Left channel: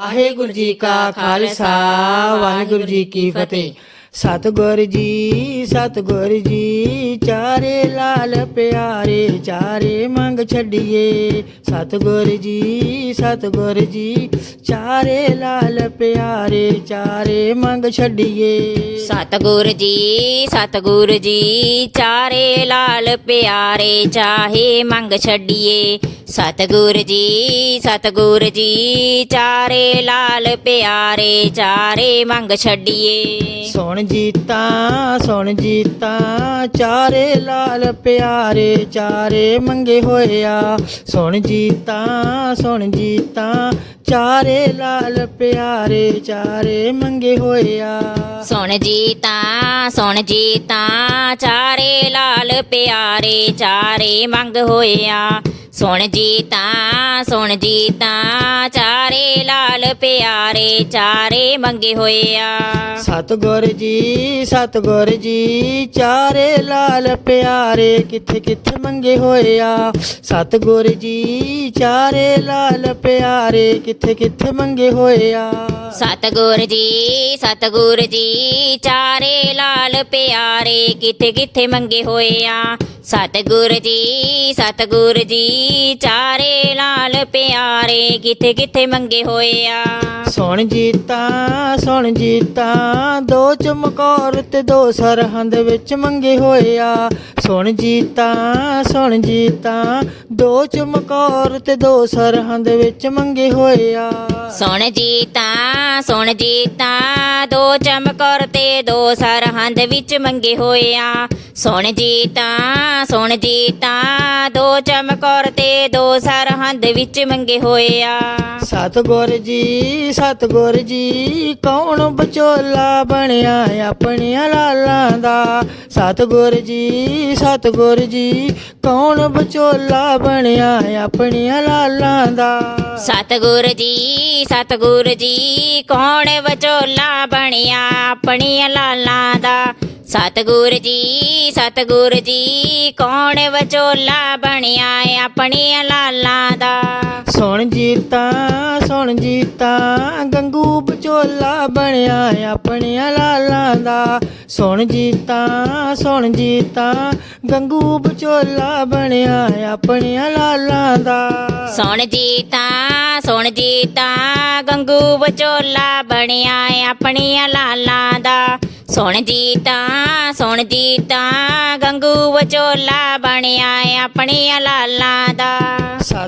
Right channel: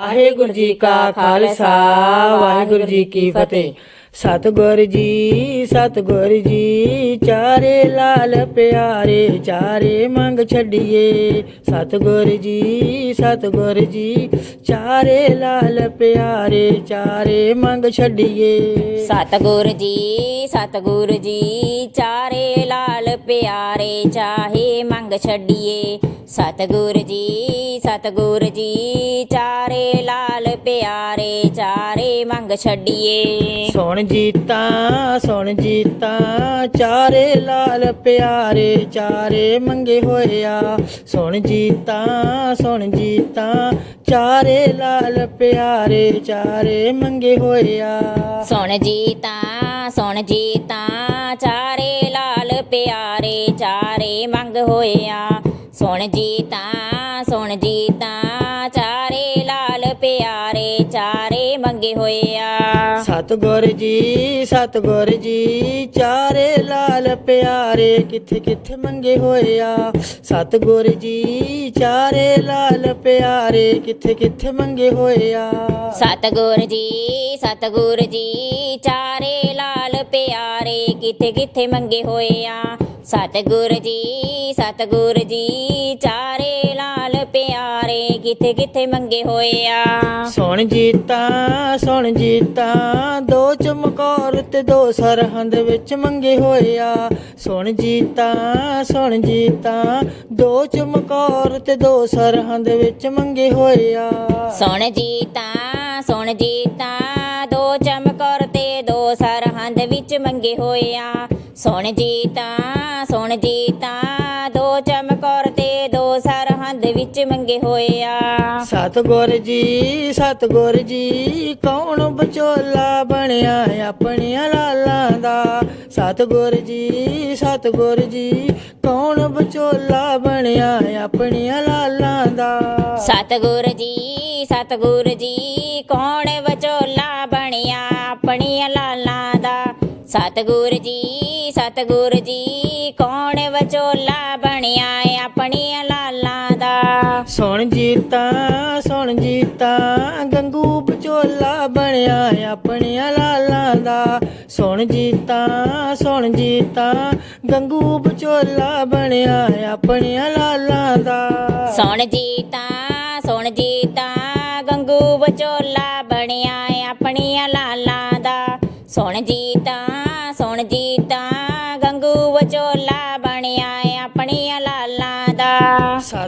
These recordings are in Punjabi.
ਵਾਹਿਗੁਰੂ ਜੀ ਕਾ ਖਾਲਸਾ, ਵਾਹਿਗੁਰੂ ਜੀ ਕੀ ਫਤਿਹ। ਸਤਿਗੁਰ ਜੀ ਸਤਿਗੁਰ ਜੀ, ਚਾਰੇ ਲਾਲ ਪਿਆਰੇ, ਚਾਰੇ ਮੰਗ ਛੱਡੀਏ। ਸਤਿਗੁਰ ਜੀ ਸਤਿਗੁਰ ਜੀ ਚਾਰੇ ਲਾਲ ਪਿਆਰੇ ਚਾਰੇ ਮੰਗ ਛੱਡੀਏ। ਸਤਿਗੁਰ ਜੀ ਸਤਿਗੁਰ ਜੀ ਚਾਰੇ ਲਾਲ ਪਿਆਰੇ ਚਾਹੇ ਮੰਗ ਛੱਡੀਏ। ਸਤਿਗੁਰ ਜੀ ਸਤਿਗੁਰ ਜੀ ਚਾਰੇ ਲਾਲ ਪਿਆਰੇ ਚਾਰੇ ਮੰਗ ਛੱਡੀਏ। ਸੁਣ ਜੀਤਾ ਸੁਣ ਜੀਤਾ ਚਾਰੇ ਲਾਲ ਪਿਆਰੇ ਚਾਰੇ ਮੰਗੇ ਹੋਇਆ। ਸੁਣ ਜੀਤਾ, ਸੁਣ ਜੀਤਾ, ਚਾਰੇ ਲਾਲ ਪਿਆਰੇ, ਚਾਰੇ ਮੰਗੇ ਹੋਇਆ। ਸੁਣ ਜੀ ਤਾਂ ਸੁਣ ਜੀ ਤਾਂ ਚਾਰੇ ਲਾਲ ਪਿਆਰੇ, ਚਾਰੇ ਮੰਗ ਹੋਇਆ। ਸੁਣ ਜੀ ਤਾਂ ਸੁਣ ਜੀ ਤਾਂ ਚਾਰੇ ਲਾਲ ਪਿਆਰੇ, ਚਾਰੇ ਮੰਗੇ ਹੋਇਆ। ਸਤਿਗੁਰ ਜੀ ਸਤਿਗੁਰ ਜੀ ਚਾਰੇ ਲਾਲ ਪਿਆਰੇ ਕਿੱਥੇ ਕਿੱਥੇ ਮੰਗੇ ਹੋਇਆ ਸਤਿਗੁਰ ਜੀ ਚਾਰੇ ਲਾਲ ਪਿਆਰੇ ਕਿੱਥੇ ਕਿੱਥੇ ਮੰਗੇ ਹੋਇਆ ਸਤਿਗੁਰ ਜੀ ਸਤਿਗੁਰ ਜੀ ਚਾਰੇ ਲਾਲ ਪਿਆਰੇ ਕਿੱਥੇ ਕਿੱਥੇ ਮੰਗੇ ਹੋਏ ਆ? ਸਤਿਗੁਰ ਜੀ ਸਤਿਗੁਰ ਜੀ ਚਾਰੇ ਲਾਲ ਪਿਆਰੇ ਕਿੱਥੇ ਕਿੱਥੇ ਮੰਗੇ ਹੋਏ ਆ? ਸੁਣ ਜੀਤਾ ਸੁਣ ਜੀਤਾ ਤੇ ਦੋ ਸਰਹੰਦ ਵਿੱਚ ਮੰਗੇ ਹੋਇਆ। ਸੁਣ ਜੀਤਾ ਸੁਣ ਜੀਤਾ ਦੋ ਚਮਕੌਰ ਤੇ ਦੋ ਸਰਹੰਦ ਵਿੱਚ ਮੰਗੇ ਹੋਇਆ। ਸੁਣ ਜੀ ਤਾਂ, ਸੁਣ ਜੀਤਾਂ ਦੋ ਚਮਕੌਰ ਤੇ ਦੋ ਸਰਹੰਦ ਵਿੱਚ ਮੰਗੇ ਹੋਏ ਆ ਸੁਣ ਜੀ ਤਾਂ, ਸੁਣ ਜੀ ਤਾਂ, ਦੋ ਚਮਕੌਰ ਤੇ ਦੋ ਸਰਹੰਦ ਵਿੱਚ ਮੰਗੇ ਹੋਏ ਆ ਸਤਿਗੁਰ ਜੀ ਸਤਿਗੁਰ ਜੀ, ਕੌਣ ਵਿਚੋਲਾ ਬਣਿਆ ਆਪਣੀਆਂ ਲਾਲਾਂ ਦਾ? ਸਤਿਗੁਰ ਜੀ ਸਤਿਗੁਰ ਜੀ, ਕੌਣ ਵਿਚੋਲਾ ਬਣਿਆ ਆਪਣੀਆਂ ਲਾਲਾਂ ਦਾ? ਸਤਿਗੁਰ ਜੀ ਸਤਿਗੁਰ ਜੀ, ਕੌਣ ਸੁਣ ਜੀਤਾ ਗੰਗੂ ਵਿਚੋਲਾ ਬਣਿਆ ਆਪਣੀਆਂ ਲਾਲਾਂ ਦਾ। ਸੁਣ ਜੀਤਾ ਸੁਣ ਜੀਤਾ, ਗੰਗੂ ਵਿਚੋਲਾ ਬਣਿਆ ਆਪਣੀਆਂ ਲਾਲਾਂ ਦਾ। ਸੁਣ ਜੀ ਤਾਂ ਸੁਣ ਜੀ ਤਾਂ ਗੰਗੂ ਵਿਚੋਲਾ ਬਣਿਆ ਆਪਣੀਆਂ ਲਾਲਾਂ ਦਾ। ਸੁਣ ਜੀ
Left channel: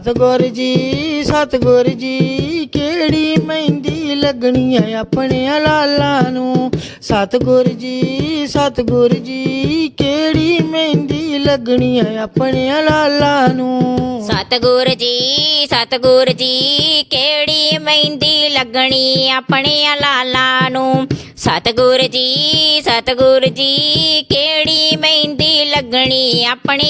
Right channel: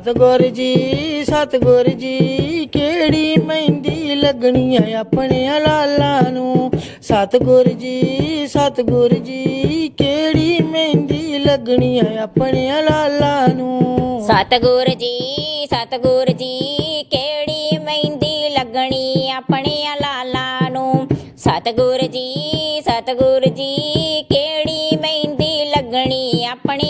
ਸਤਿਗੁਰ ਜੀ ਸਤਿਗੁਰ ਜੀ, ਕਿਹੜੀ ਮਹਿੰਦੀ ਲੱਗਣੀ ਹੈ ਆਪਣੀਆਂ ਲਾਲਾਂ ਨੂੰ? ਸਤਿਗੁਰ ਜੀ ਸਤਿਗੁਰ ਜੀ, ਕਿਹੜੀ ਮਹਿੰਦੀ ਲੱਗਣੀ ਹੈ ਆਪਣੀਆਂ ਲਾਲਾਂ ਨੂੰ? ਸਤਿਗੁਰ ਜੀ ਸਤਿਗੁਰ ਜੀ, ਕਿਹੜੀ ਮਹਿੰਦੀ ਲੱਗਣੀ ਆਪਣੀਆਂ ਲਾਲਾਂ ਨੂੰ? ਸਤਿਗੁਰ ਜੀ ਸਤਿਗੁਰ ਜੀ, ਕਿਹੜੀ ਮਹਿੰਦੀ ਲੱਗਣੀ ਆਪਣੀਆਂ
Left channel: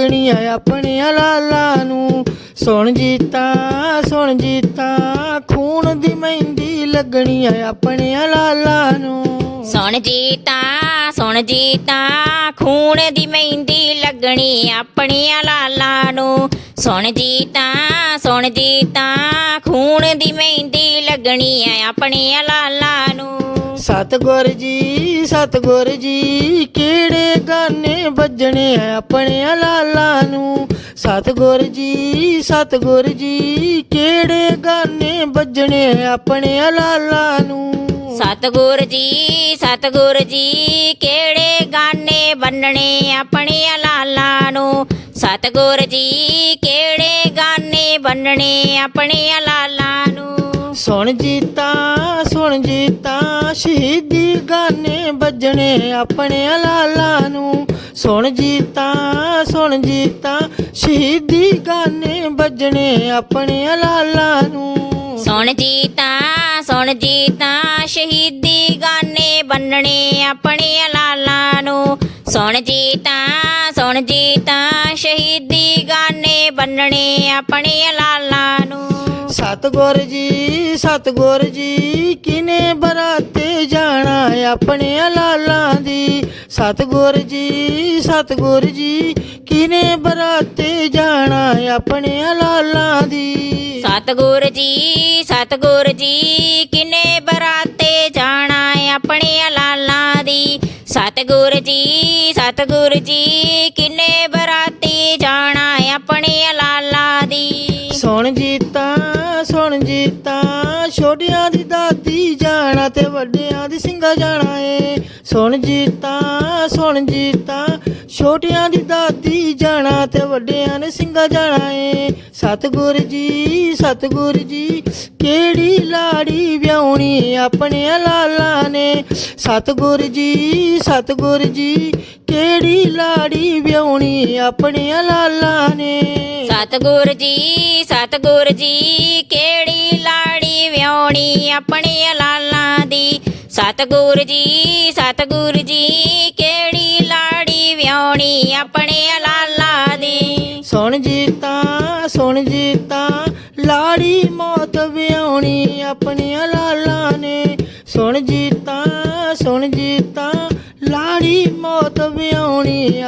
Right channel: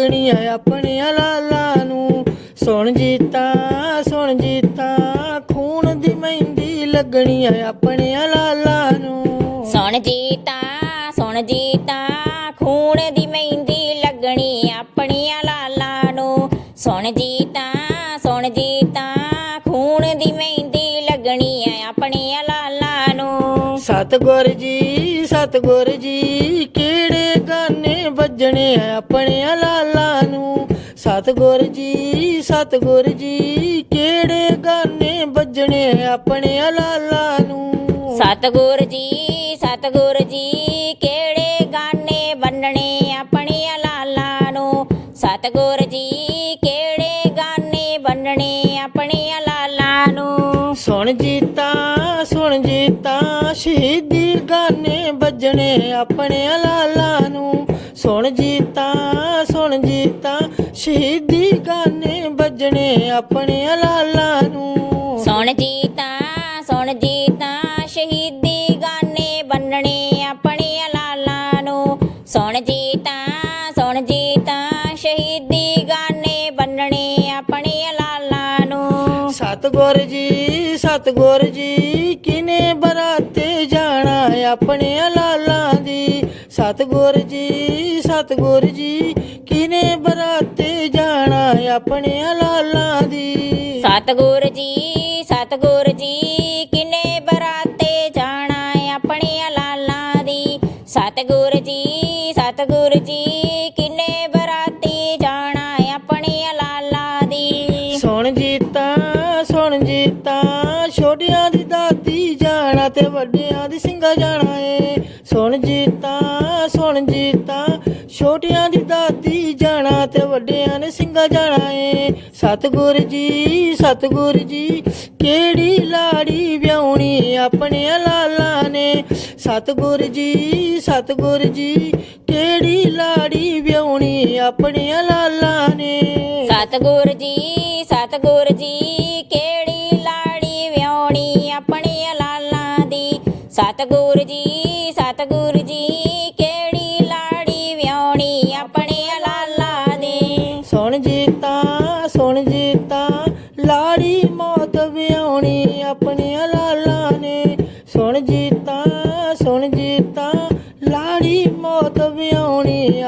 ਲੱਗਣੀ ਹੈ ਆਪਣੀਆਂ ਲਾਲਾਂ ਨੂੰ। ਸੁਣ ਜੀਤਾ ਸੁਣ ਜੀਤਾ ਖੂਨ ਦੀ ਮਹਿੰਦੀ ਲੱਗਣੀ ਹੈ ਆਪਣੀਆਂ ਲਾਲਾਂ ਨੂੰ। ਸੁਣ ਜੀ ਤਾਂ ਸੁਣ ਜੀ ਤਾਂ ਖੂਨ ਦੀ ਮਹਿੰਦੀ ਲੱਗਣੀ ਆਪਣੀਆਂ ਲਾਲਾਂ ਨੂੰ। ਸੁਣ ਜੀ ਤਾਂ ਸੁਣ ਜੀ ਤਾਂ ਖੂਨ ਦੀ ਮਹਿੰਦੀ ਲੱਗਣੀ ਹੈ ਆਪਣੀਆਂ ਲਾਲਾਂ ਨੂੰ। ਸਤਿਗੁਰ ਜੀ ਸਤਿਗੁਰ ਜੀ ਕਿਹੜੇ ਗਾਨੇ ਵੱਜਣੇ ਆ ਆਪਣੀਆਂ ਲਾਲਾਂ ਸਤਿਗੁਰ ਜੀ ਕਿਹੜੇ ਗਾਨੇ ਵੱਜਣੇ ਆ ਆਪਣੀਆਂ ਲਾਲਾਂ ਨੂੰ? ਸਤਿਗੁਰ ਜੀ ਸਤਿਗੁਰ ਜੀ ਕਿਹੜੇ ਗਾਨੇ ਬੰਨਣੇ ਆਪਣੀਆਂ ਲਾਲਾਂ ਨੂੰ? ਸਤਿਗੁਰ ਜੀ ਕਿਹੜੇ ਗਾਨੇ ਬੰਨਣੇ ਆਪਣੀਆਂ ਲਾਲਾਂ ਨੂੰ? ਸੁਣ ਜੀਤਾ ਸੁਣ ਜੀਤਾ ਸ਼ਹੀਦੀ ਗਾਨੇ ਵੱਜਣੇ ਆਪਣੀਆਂ ਲਾਲਾਂ ਨੂੰ। ਸੁਣ ਜੀਤਾ ਸੁਣ ਜੀਤਾ ਸ਼ਹੀਦੀ ਆਪਣੀਆਂ ਲਾਲਾਂ ਨੂੰ। ਸੁਣ ਜੀ ਤਾਂ ਸੁਣ ਜੀ ਤਾਂ ਸ਼ਹੀਦੀ ਗਾਨੇ ਬੰਨਣੇ ਆਪਣੀਆਂ ਲਾਲਾਂ ਨੂੰ। ਸੁਣ ਜੀ ਤਾਂ ਸੁਣ ਜੀ ਤਾਂ ਸ਼ਹੀਦੀ ਗਾਨੇ ਬੰਨਣੇ ਆਪਣੀਆਂ ਲਾਲਾਂ ਨੂੰ। ਸਤਿਗੁਰ ਜੀ ਸਤਿਗੁਰ ਜੀ ਕਿਨੇ ਬਰਾਤੇ ਜਾਣਾ ਆਪਣੀਆਂ ਲਾਲਾਂ ਦੀ? ਸਤਿਗੁਰ ਜੀ ਸਤਿਗੁਰ ਜੀ ਸਤਗੁਰ ਜੀ ਸਤਗੁਰ ਜੀ, ਕਿੰਨੇ ਬਰਾਤੀ ਜਾਣਾ ਆਪਣੀ ਲਾਲਾ ਦੀ। ਸੁਣ ਜੀਤਾ ਸੁਣ ਜੀਤਾ, ਛੋਟਿਆਂ ਦੀ ਦਾਤੀ ਜਾਣਾ ਤੇ ਵੱਡਿਆਂ ਦੀ ਸਿੰਘਾ ਜਾਣਾ ਏ। ਸੁਣ ਜੀਤਾ ਸੁਣ ਜੀਤਾ, ਛੋਟਿਆਂ ਦੀ ਦਾਤੀ ਜਾਣਾ ਤੇ ਵੱਡਿਆਂ ਨੇ ਸਿੰਘਾ ਜਾਣਾ ਏ। ਸਤਗੁਰ ਜੀ ਸਤਗੁਰ ਜੀ, ਕਿਹੜੀ ਲਾੜੀ ਵਿਆਉਣੀ ਆਪਣੇ ਲਾਲ ਸਤਿਗੁਰ ਜੀ ਸਤਿਗੁਰ ਜੀ, ਕਿਹੜੀ ਲਾੜੀ ਵਿਆਹਣੀ ਆਪਣੀਆਂ ਲਾਲਾਂ ਨੇ? ਸਤਿਗੁਰ ਜੀ ਸਤਿਗੁਰ ਜੀ, ਕਿਹੜੀ ਲਾੜੀ ਵਿਆਹਣੀ ਆਪਣੀਆਂ ਲਾਲਾਂ ਦੀ? ਸਤਿਗੁਰ ਜੀ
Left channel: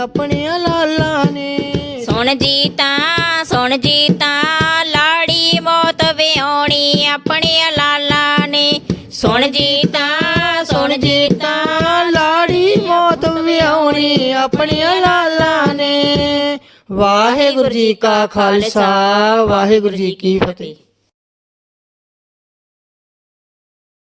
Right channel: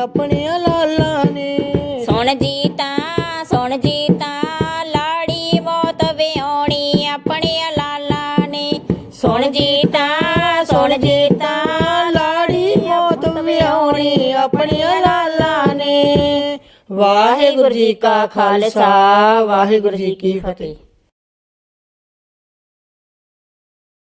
ਆਪਣੀਆਂ ਲਾਲਾਂ ਨੇ। ਸੁਣ ਜੀ ਤਾਂ ਸੁਣ ਜੀ ਤਾਂ ਲਾੜੀ ਮੌਤ ਵਿਆਹਣੀ ਆਪਣੇ ਲਾਲਾਂ ਨੇ। ਸੁਣ ਜੀ ਤਾਂ ਸੁਣ ਜੀ ਤਾਂ ਲਾੜੀ ਮੌਤ ਵਿਆਹਣੀ ਆਪਣੀਆਂ ਲਾਲਾਂ ਨੇ। ਵਾਹਿਗੁਰੂ ਜੀ ਕਾ ਖਾਲਸਾ, ਵਾਹਿਗੁਰੂ ਜੀ ਕੀ ਫਤਿਹ।